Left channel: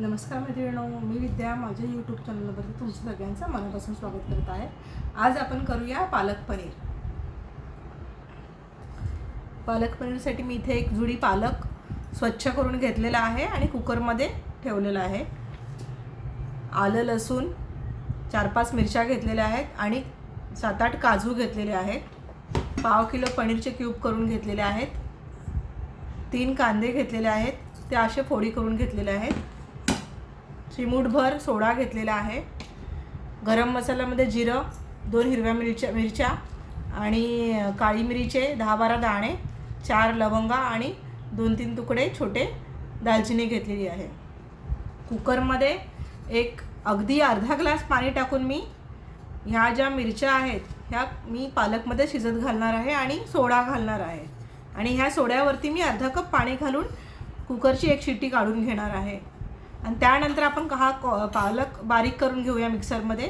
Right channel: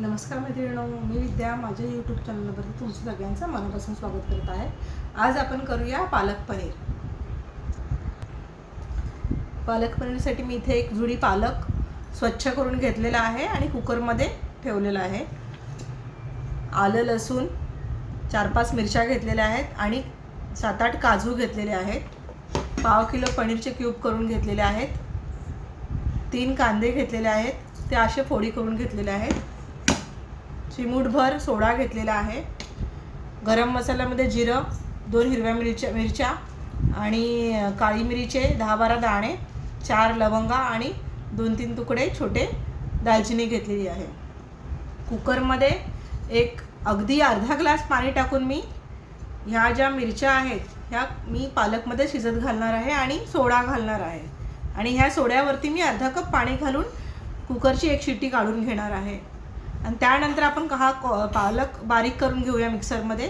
नमस्कार मैत्रिणींनो, मी विद्या माझ्या यूट्यूब चॅनलवरती तुमचं सगळ्यांचं मनापासून स्वागत करत आहे। आज आपण करूया पालक पनीर। पालक पनीरसाठी मी इथे एक जुडी पालक स्वच्छ करून घेतलेला आहे आणि कुकरमध्ये ठेवलेला आहे। आलं लसूण 4-5 मिरच्या घेतलेल्या आहेत आणि 7-8 काजू घेतलेले आहेत। पाव किलो पनीरचे क्यूब करून घेतलेले आहेत। 3 कांदे घेतलेले आहेत, ते असे फोडी करून घेतलेले आहेत। चिमूटभर सोडा घेतलेला आहे। गरम मसाल्यामध्ये जिरं, 2 हिरव्या मिरच्या आणि काळी मिरीचे 10-12 दाणे, 4 लवंगा आणि 2-3 तुकडे छोटे दालचिनी घेतलेली आहे। कुकरमध्ये अगदी अर्धा ग्लास पाणी टाकून मी ह्या ज्या मिरच्या आहेत ह्या मी पालकमध्ये शिजत घालणार आहे आणि सोडा घालणार आहे आणि ह्या सोड्यावरती मी अर्धा कप पाणी घालून कुकरची एक शिट्टी काढून घेणार आहे। आणि त्यानंतर आपण पालक बारीक करून घेऊया मिक्सरमध्ये।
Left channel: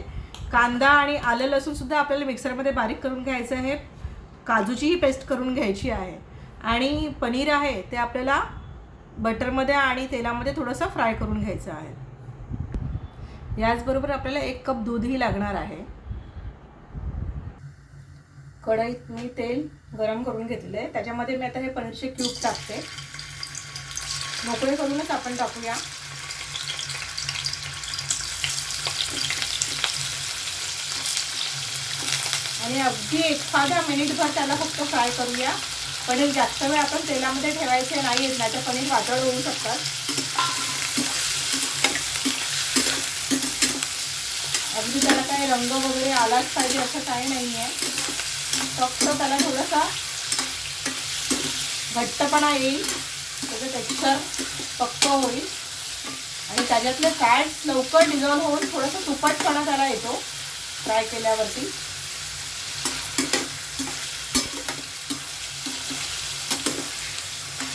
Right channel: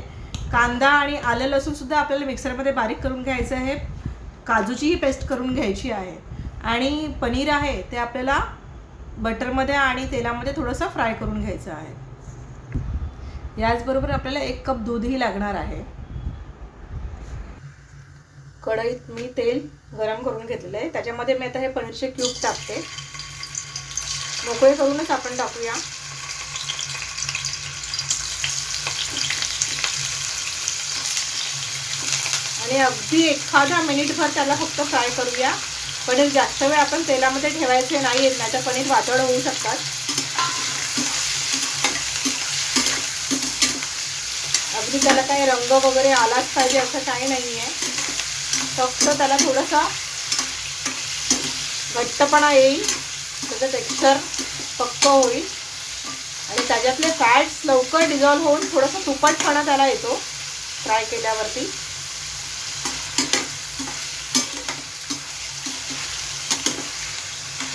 कांदा आणि आलं लसूण सुद्धा आपल्याला मिक्सरमध्ये बारीक करून घ्यायचं आहे। काजूचीही पेस्ट करून घ्यायची आहे आणि पनीर आहे ते आपल्याला बटरमध्ये आणि तेलामध्ये थोडंसं फ्राय करून घ्यायचं आहे। याचबरोबर आपल्याला 1 कप दूधही लागणार आहे। कढईत मी तेल गरम करून घेतलेलं आहे, त्याच्यामध्ये मी आता हे पनीरचे क्यूब टाकते। मोकळे करूनच आपण टाकूया। आणि अगदी एखादा मिनिटभर त्याला फक्त फ्राय करूया। पनीर जास्त वेळ आपण तेलामध्ये ठेवायचे नाही, नाहीतर पनीर वातड होऊ शकतात। अगदी त्याला काही रंग वगैरे आलाच पाहिजे असं काही नाही आहे, फक्त त्याला थोडासा घट्टपणा येईल, त्याचं टेक्स्चर पक्क होईल आणि त्याच्यातले फॅट्स लवकर डिझॉल्व होऊन थोडासा तुपाटपणा त्याला येतो फ्राय केल्यावरती।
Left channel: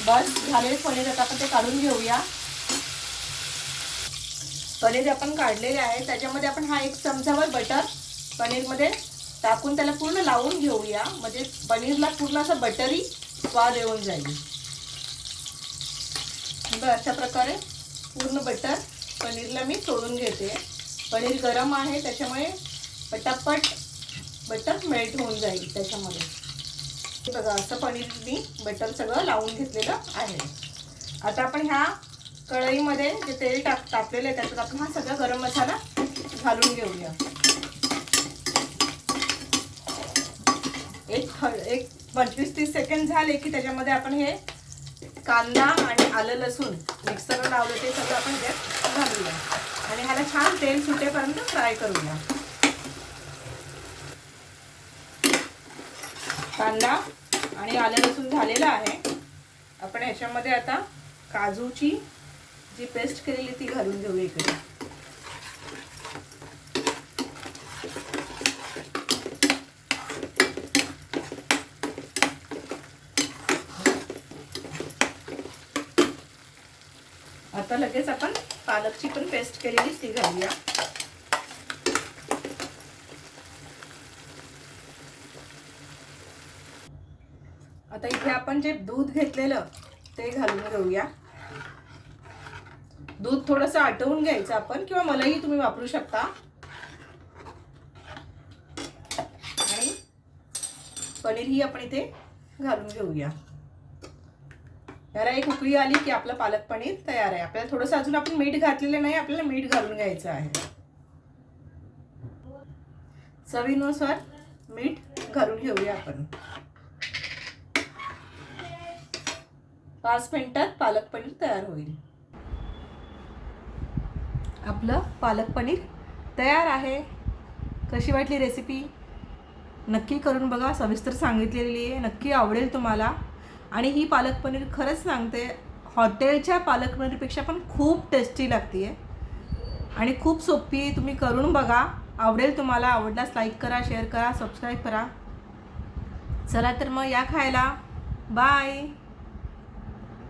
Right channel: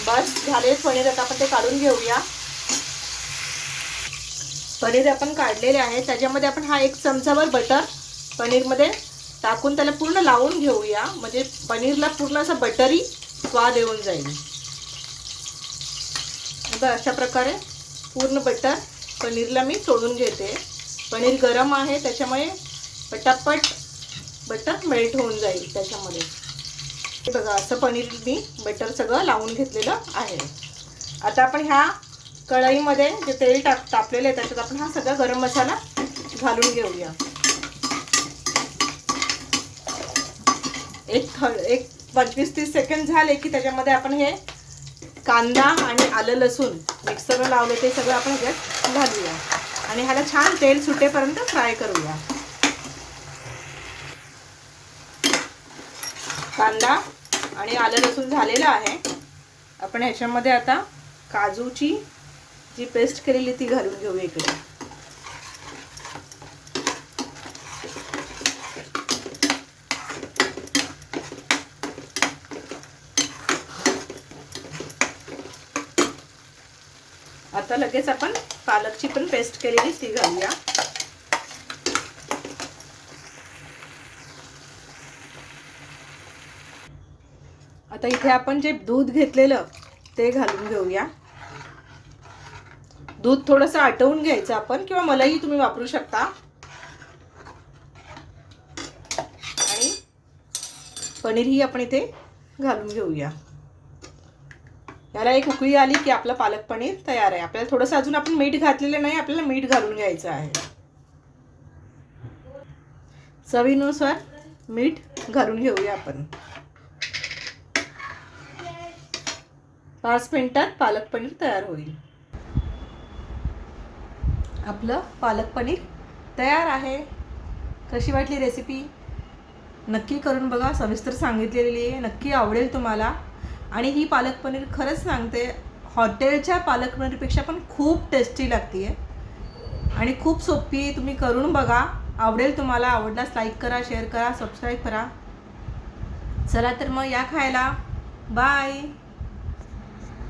बस झाले पनीर, आता आपण ते काढून घेऊया। पनीर आपण काढलेले आहे, त्याच्यामध्ये आपण हा 1 चमचाभर बटर पनीरमध्ये टाकून त्याला पूर्ण लावून घेऊया, म्हणजे पनीरला पूर्ण असं बटरी स्वाद येऊन जाईल। आता अशा प्रकारे पूर्ण बटर पनीरला मी सोडून घेते। पनीर गरम आहे त्याच्यामुळे पटापट बटर मेल्ट होऊन जाईल त्याच्यामध्ये। बघा असं पनीर मी बटर सगळं लावून घेतलेलं आहे। आता आपण ह्या कढईमध्ये जे तेल तापलेलं आहे त्याच्यात आपण हा सगळा गरम मसाला घालून घेऊया। एक 25-30 सेकंद झाले की त्याच्यामध्ये आपण हे कांदा आणि आलं लसूण मिक्सरला लावले ते सगळं आपण ह्याच्यात घालूया आणि ह्याला छान तेल सुटेपर्यंत फ्राय करूया। कांदा आणि आलं लसूण झालेलं आहे। आपण ह्याच्यामध्ये आता काजूची जी पेस्ट केलेली ती घालून घेऊया इकडे। आता लगेच आपण पालकची पण पेस्ट केलेली ती घालूया। आता इथे आपण जे दूध घेतलेलं ते घालून घेऊया। दूध थोडंसं आटवून घ्यायचं आपण, किंवा मलाही तुम्ही वापरू शकता। आणि पनीर ही आपण इथे घालून घेऊया। याला एक उकळी आली की आपलं पालक पनीर तयार आहे। आपल्याला थोडंसं अजून आपण मीठ घातलेलं नाही, आपल्याला मीठ घालून घ्यायचं आहे। चवीनुसार मीठ घालून घेऊया आपण। 5 मिनिटात पालक पनीर तयार होईल। आपलं पालक पनीर तयार आहे। कशी वाटली रेसिपी नक्की करून बघा, सविस्तर सांगितलेली आहे, नक्की आवडेल तुम्हाला। आणि ही पालक पनीर खरंच सांगते हॉटेलच्या पालक पनीरपेक्षा पण खूप टेस्टी लागते आणि खूप सोपी आहे। तुम्ही करून बघा, आवडेल तुम्हाला। आवडल्यास लाईक करा, शेअर करा, सबस्क्राईब करा। चला तर मग या खायला। बाय।